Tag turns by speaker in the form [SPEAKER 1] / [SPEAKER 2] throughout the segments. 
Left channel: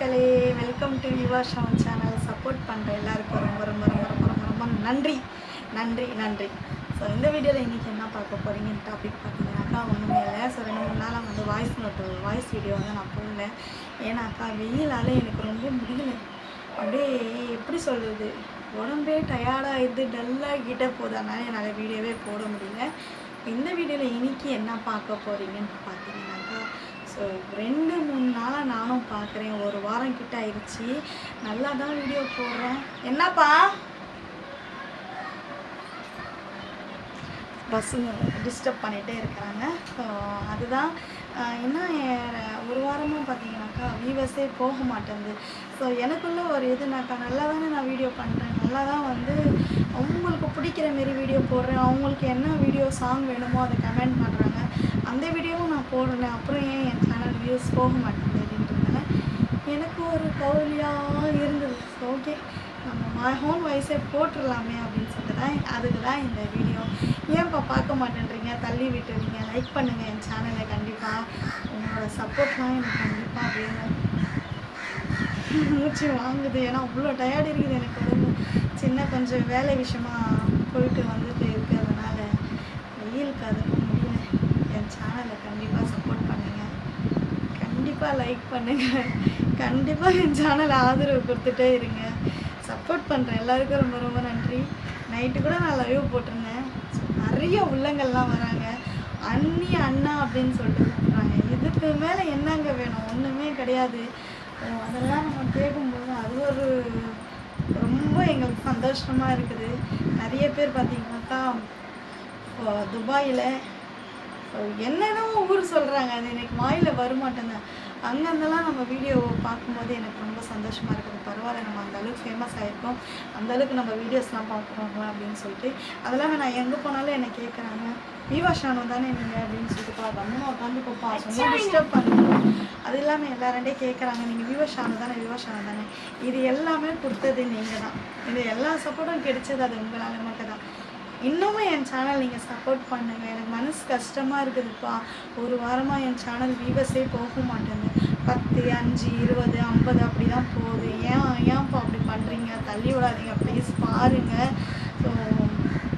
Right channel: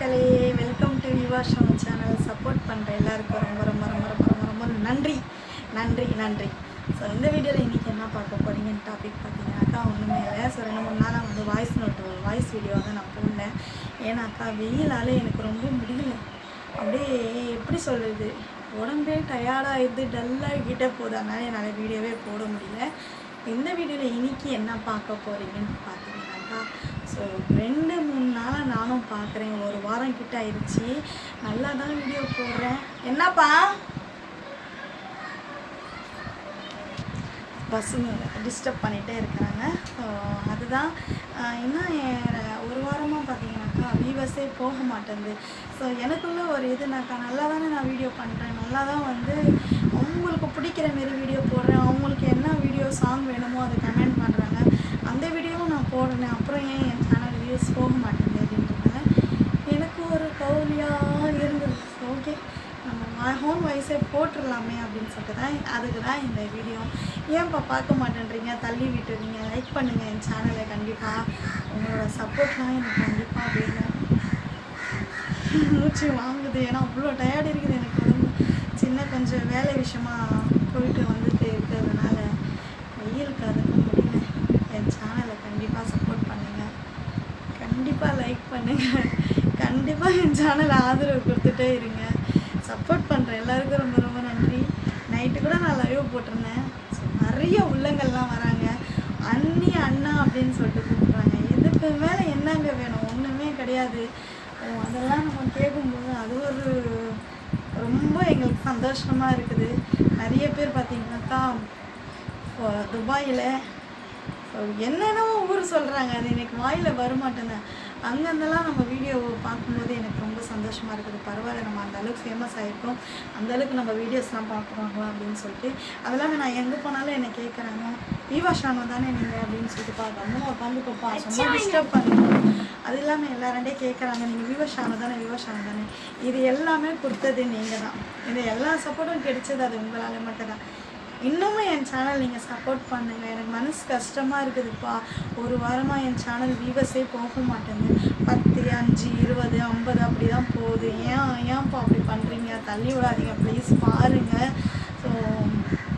[SPEAKER 1] மக்களே welcome to Yuva Shavan channel support பண்ணுற எல்லாருக்கும் ரொம்ப ரொம்ப ரொம்ப ரொம்ப ரொம்ப ரொம்ப நன்றி நன்றி நன்றி ஸோ இந்த வீடியோவில் இன்றைக்கி என்ன பார்க்க போகிறீங்கன்னு டாபிக் பார்த்தீங்கன்னாக்கா ஒன்றுமே இல்லை ஸோ ரெண்டு மூணு நாளாக வந்து வாய்ஸ் நோட்டு வாய்ஸ் வீடியோவாக தான் நான் போடலேன் ஏன்னாக்கா வெயிலால் எனக்கு ரொம்ப முடியல அப்படியே எப்படி சொல்கிறது உடம்பே டயர்டாகிடுது டல்லாகிட்டே கிட்டே அதனால் என்னால் வீடியோவே போட முடியல இந்த வீடியோவில் இன்றைக்கி என்ன பார்க்க போகிறீங்கன்னு பார்த்தீங்கன்னாக்கா ஸோ ரெண்டு மூணு நாளாக நானும் பார்க்குறேன் ஒரு வாரம் கிட்ட ஆயிடுச்சு நல்லா தான் வீடியோ போடுறேன் என்னப்பா பஸ்ஸுங்க டிஸ்டர்ப் பண்ணிகிட்டே இருக்கிறாங்க ஸோ அதுதான் என்ன ஒரு வாரமாக பார்த்தீங்கன்னாக்கா வீவஸே போக மாட்டேங்குது ஸோ எனக்குள்ளே ஒரு இதுனாக்கா நல்லா தானே நான் வீடியோ பண்ணுறேன் நல்லா தான் வந்து அவங்களுக்கு பிடிக்கிற மாரி வீடியோ போடுறேன் அவங்களுக்கு என்ன வீடியோ சாங் வேணுமோ அதை கமெண்ட் பண்ணுறாங்க அந்த வீடியோவும் நான் போடுறேன் அப்புறம் ஏன் என் சேனல் வியூஸ் போக மாட்டேங்குது அப்படின்றதுனால எனக்கு ஒரு கவலையாக இருந்தது ஓகே நம்ம ஹோம் வாய்ஸே போட்டுடலாமே அப்படின்னு சொல்லிட்டு தான் அதுக்கு தான் இந்த வீடியோ ஏன்ப்பா பார்க்க மாட்டேன்றீங்க தள்ளி விட்டு நீங்கள் லைக் பண்ணுங்கள் என் சேனலை கண்டிப்பாக உங்களோட சப்போர்ட்லாம் எனக்கு கண்டிப்பாக வேணும் மூச்சு வாங்குது ஏன்னா அவ்வளோ டயர்டு இருக்குது எனக்கு உடம்பு சின்ன கொஞ்சம் வேலை விஷயமாக போயிட்டு வந்துட்டு இருக்கிறதுனால வெயிலுக்கு அதுக்கும் என் சேனலை கண்டிப்பாக சப்போர்ட் பண்ணுங்கள் கண்டிப்பாக லைக் பண்ணுங்கள் கண்டிப்பாக என் சேனலை ஆதரவு கொடுத்துட்டே இருங்க சப்போர்ட் பண்ணுற எல்லாருக்கும் ரொம்ப ரொம்ப நன்றி நைட்டு கூட நான் லைவ் போட்டிருந்தேன் நிறைய உள்ளங்கள்லாம் வராங்க அண்ணி அண்ணா அப்படின்னு சொல்லிட்டு கூப்பிட்றாங்க இதுக்கு மேலே என்னங்க வேணும் ஒன்றுமே கிடையாது அதெல்லாம் நம்ம கேட்கும்போது அது ஒரு ரொம்ப எங்களுக்கு சந்தோஷமாக இருக்குது நிறைய பேர் பார்த்திங்கனாக்கா துபாயில் என்னென்னவோ ஊர் சொல்கிறாங்க அது எனக்கு வாயில் வரமாட்டேன்னு அங்கேருந்தெல்லாம் நம்ம வீடியோ பார்க்கும்போது எனக்கு ரொம்ப சந்தோஷமாக இருக்குது பரவாயில்ல நம்ம அந்த அளவுக்கு ஃபேமஸ் ஆகிருக்கோம் அந்த அளவுக்கு நம்ம வீடியோஸ்லாம் பார்க்குறோம் அப்படின்னு சொல்லிட்டு அதெல்லாம் நான் எங்கே போனாலும் என்னை கேட்குறாங்க ஈவா ஷானு தானே நீங்கள் அப்படின்னு சொல்லிட்டு பார்க்க அம்மா உட்காந்து பார்ப்பா ரொம்ப டிஸ்டர்ப் பண்ணுவோம் அது இல்லாமல் எல்லாருண்டே கேட்குறாங்க நீங்கள் விவா ஷானு தானே விவா ஷானு தானே இது எல்லாமே கொடுத்தது நீங்கள் தான் இந்த எல்லா சப்போர்ட்டும் கிடைச்சது அது உங்களால் மட்டும் தான் இன்னமும் என் சேனல் நீங்கள் சப்போர்ட் பண்ணுங்கள் எனக்கு மனசு கஷ்டமாக இருக்குதுப்பா ஒரு வாரமாக என் சேனல் வீவஸே போக மாட்டேங்குது பத்து அஞ்சு இருபது ஐம்பது அப்படி தான் போகுது ஏன் ஏன்ப்பா அப்படி பண்ணுறீங்க தள்ளி விடாதீங்க ப்ளீஸ் பாருங்கள் ஸோ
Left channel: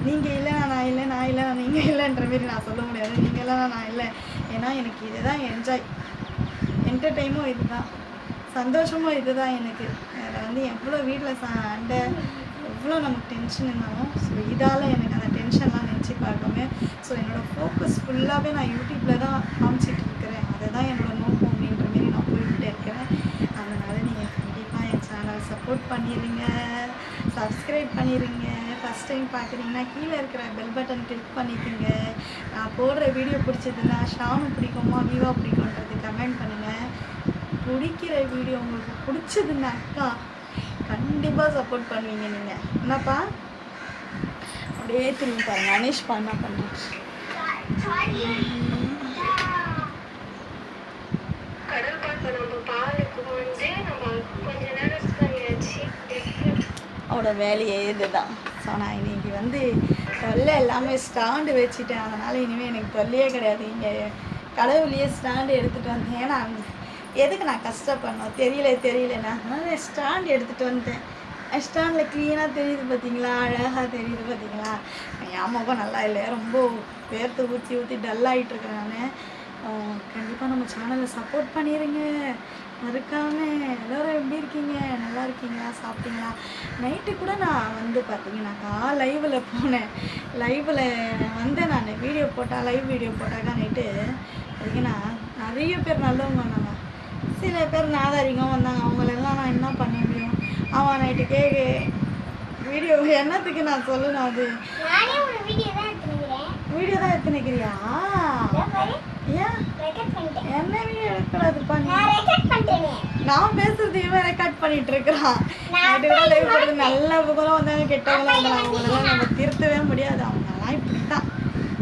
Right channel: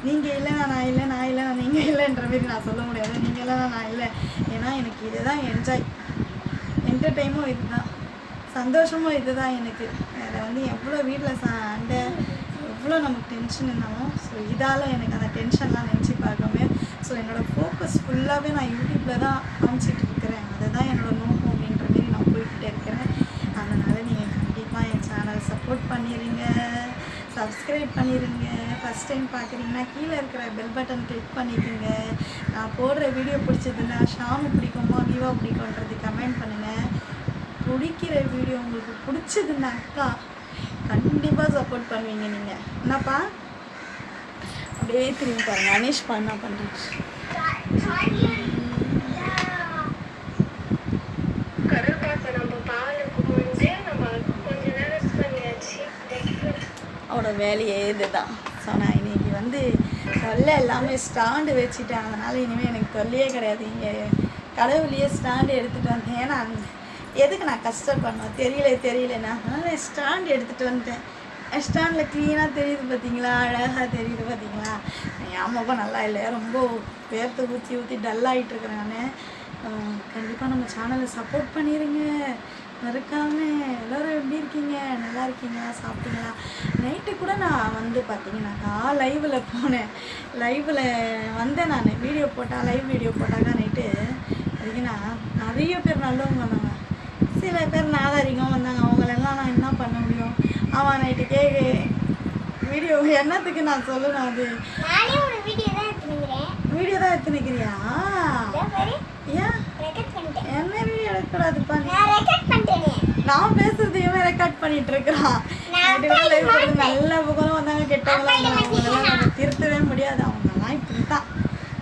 [SPEAKER 1] நீங்கள் இல்லைண்ணா நான் இல்லை நான் நான் நீங்கள் இல்லைன்ற மாரி நான் சொல்ல முடியாது நீங்கள் இல்லைனா நான் இல்லை ஏன்னா எனக்கு இது தான் என்ஜாய் என்டர்டைமும் இது தான் சந்தோஷமும் இது தான் எனக்கு வேறு வந்து எவ்வளோ வீட்டில் சண்டை எவ்வளோ நமக்கு டென்ஷன் இருந்தாலும் ஸோ இதால் எனக்கு அந்த டென்ஷன்லாம் நினச்சி பார்க்கவே ஸோ என்னோடய ஃபோக்கஸ் ஃபுல்லாகவே நான் யூடியூப்பில் தான் காமிச்சிட்டு இருக்கிறேன் அதுதான் என்னோடய நோக்கம் அப்படின்ற மாரி நான் போய்கிட்டே இருக்கிறேன் அதனால் நீங்கள் கண்டிப்பாக என் சேனல் சப்போர்ட் பண்ணிடுங்க சப்ஸ்கிரைப் பண்ணிடுங்க ஃபஸ்ட் டைம் பார்க்குறீங்கன்னா கீழே இருக்கிற பெல் பட்டன் கிளிக் பண்ணிக்கோங்க நான் போடுற வீடியோ பிடிச்சதுன்னா ஷாமு பிடிக்குமா வீவா பிடிக்கும்ன்றது கமெண்ட் பண்ணுங்கள் பிடிக்கிற வீடியோ உங்களுக்கு பிடிச்சதுன்னாக்கா கண்டிப்பாக சப்போர்ட் பண்ணுவீங்க நீங்கள் என்னப்பா அப்படியே திரும்பி பாருங்கள் அனேஷ்ப்பா என்ன பண்ணுச்சு அவரோட வேலையே இதுதான் ஸோ நான் இன்றைக்கி வந்து தொல்லை எல்லாமே ஸ்டாண்டு வச்சுட்டேன் அதனால் இனிமேல் எனக்கு தொல்லையே கிடையாது இங்கே கடவுளையே ஸ்டாண்டு எடுத்துகிட்டு வந்தேன் ஏன்னா எதுக்கு நான் கஷ்டப்படணும் தெரியல தெரியலண்ணா அதனால் நான் ஸ்டாண்ட் எடுத்துகிட்டு வந்துட்டேன் ஸ்டாண்டில் க்ளீனாக தெரியுது பார்த்தீங்களா அழகாக தெரியுது பார்த்தீங்களா என் அம்மாவும் நல்லா இல்லை ரொம்ப பேர்த்து ஊற்றி ஊற்றி டல்லாகிட்டு இருக்கிறேன் நான் கண்டிப்பாக நம்ம சேனலை சப்போர்ட் பண்ணிடுங்க மறுக்காமல் எல்லோரும் எப்படி இருக்கீங்க நல்லா இருக்கீங்களா சாப்பிட்டீங்களா நைட்டு கூட நான் வந்து பார்த்தீங்கன்னாக்கா லைவில் போனேன் லைவில் வந்தேன் நான் வீடியோ போட்டால் லைவ் வீடியோ போட்டாக்கா நைட்டு பார்த்தீங்கன்னா நிறைய பேர் நல்லவங்க நான் சில பேர் நாதாரிகம் வந்தாங்க அவங்களெல்லாம் நான் என்ன பண்ண முடியும் அவன் நைட்டு கேக்கு வீடியோ என்னத்துக்கு நான் சொல்லணும் அது வீடியோ தான் எடுத்துனுக்கிறியா ஏன் என்ன வீடியோ எடுக்கக்கூடாதுப்பா நான் பேசுறது இவன் ரெக்கார்ட் பண்ணிட்டு இருக்கிறான் நல்ல புகழும் வந்தாங்க கெட்டவங்களும் வந்தாங்க அவங்களெல்லாம் நம்ம திருத்தவே முடியாது அவங்கெல்லாம் இப்படி தான்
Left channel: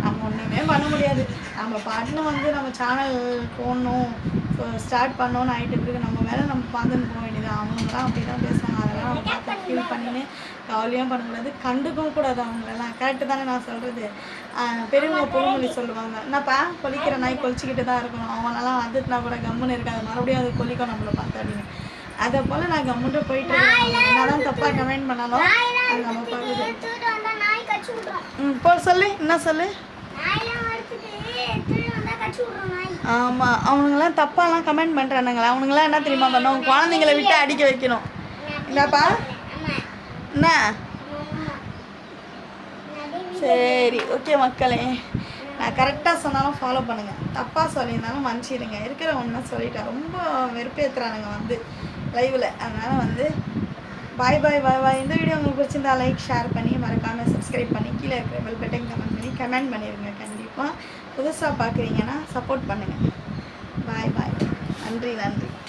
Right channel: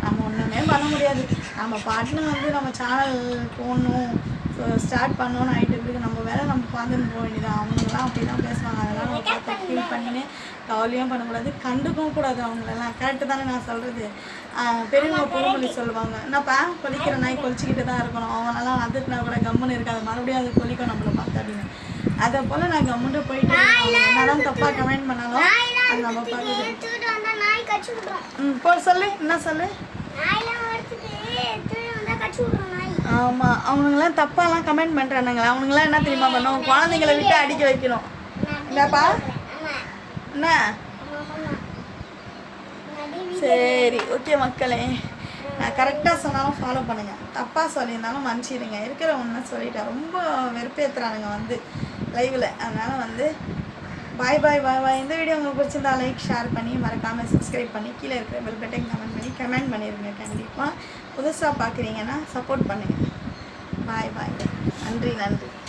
[SPEAKER 1] நம்ம ஒன்றுமே பண்ண முடியாது நம்ம பாட்டுன்னு வந்து நம்ம சேனல் போடணும் ஸ்டார்ட் பண்ணோன்னு ஆகிட்டு இருக்குது நம்ம வேலை நம்ம பார்த்துன்னு போக வேண்டியதான் அவங்களாம் அப்படி தான் பேசுவாங்க அதெல்லாம் நம்ம பார்த்து ஃபீல் பண்ணினே கவலையும் பண்ணக்கூடாது கண்டுக்கவும் கூடாது அவங்களெல்லாம் கரெக்டு தானே நான் சொல்கிறது பெரியவங்க புதுமொழி சொல்லுவாங்க என்னப்பா கொலிக்கிற நாய் கொலிச்சிக்கிட்டு தான் இருக்கணும் அவங்களெல்லாம் வந்துட்டுனா கூட கம்முன்னு இருக்காது மறுபடியும் அது கொலிக்கும் நம்மளை பார்த்து அப்படின்னு அதை போல் நான் கம்முன்ட்டு போயிட்டு இருக்கேன் தப்பாக கமெண்ட் பண்ணாலும் அது நம்ம பார்க்குது ம் போ சொல்லு என்ன சொல்லு ஆமாம் அவனுங்கெல்லாம் தப்பாலாம் கமெண்ட் பண்ணுறானுங்க அவனுங்களாம் என்ன தெரியுமா பண்ணுவோம் குழந்தைங்களை விட்டு அடிக்க வைக்கணும் என்னப்பா என்ன சரி ஓகே மக்களே நான் கரெக்டாக சொன்னாலும் ஃபாலோ பண்ணுங்கள் தப்பாக சொல்லியிருந்தாலும் மன்னிச்சிடுங்க இருக்கிற ஒன்று சொல்லிட்டேன் ரொம்ப வெறுப்பேற்றுறானுங்க வந்து லைவில் அதனால் வந்து பாய் பாய் பாய் பாய் இந்த வீடியோ உங்களுக்கு பிடிச்சிருந்தா லைக் ஷேர் பண்ணி மறக்காமல் சப்ஸ்கிரைப் பண்ணி கீழே இருக்கிற பெல் பட்டன் கமெண்ட் பண்ணி கமெண்ட் பண்ணிடுங்க கண்டிப்பாக புதுசாக பார்க்குறீங்கன்னா சப்போர்ட் பண்ணுங்கள் பாய் பாய் நன்றி நன்றி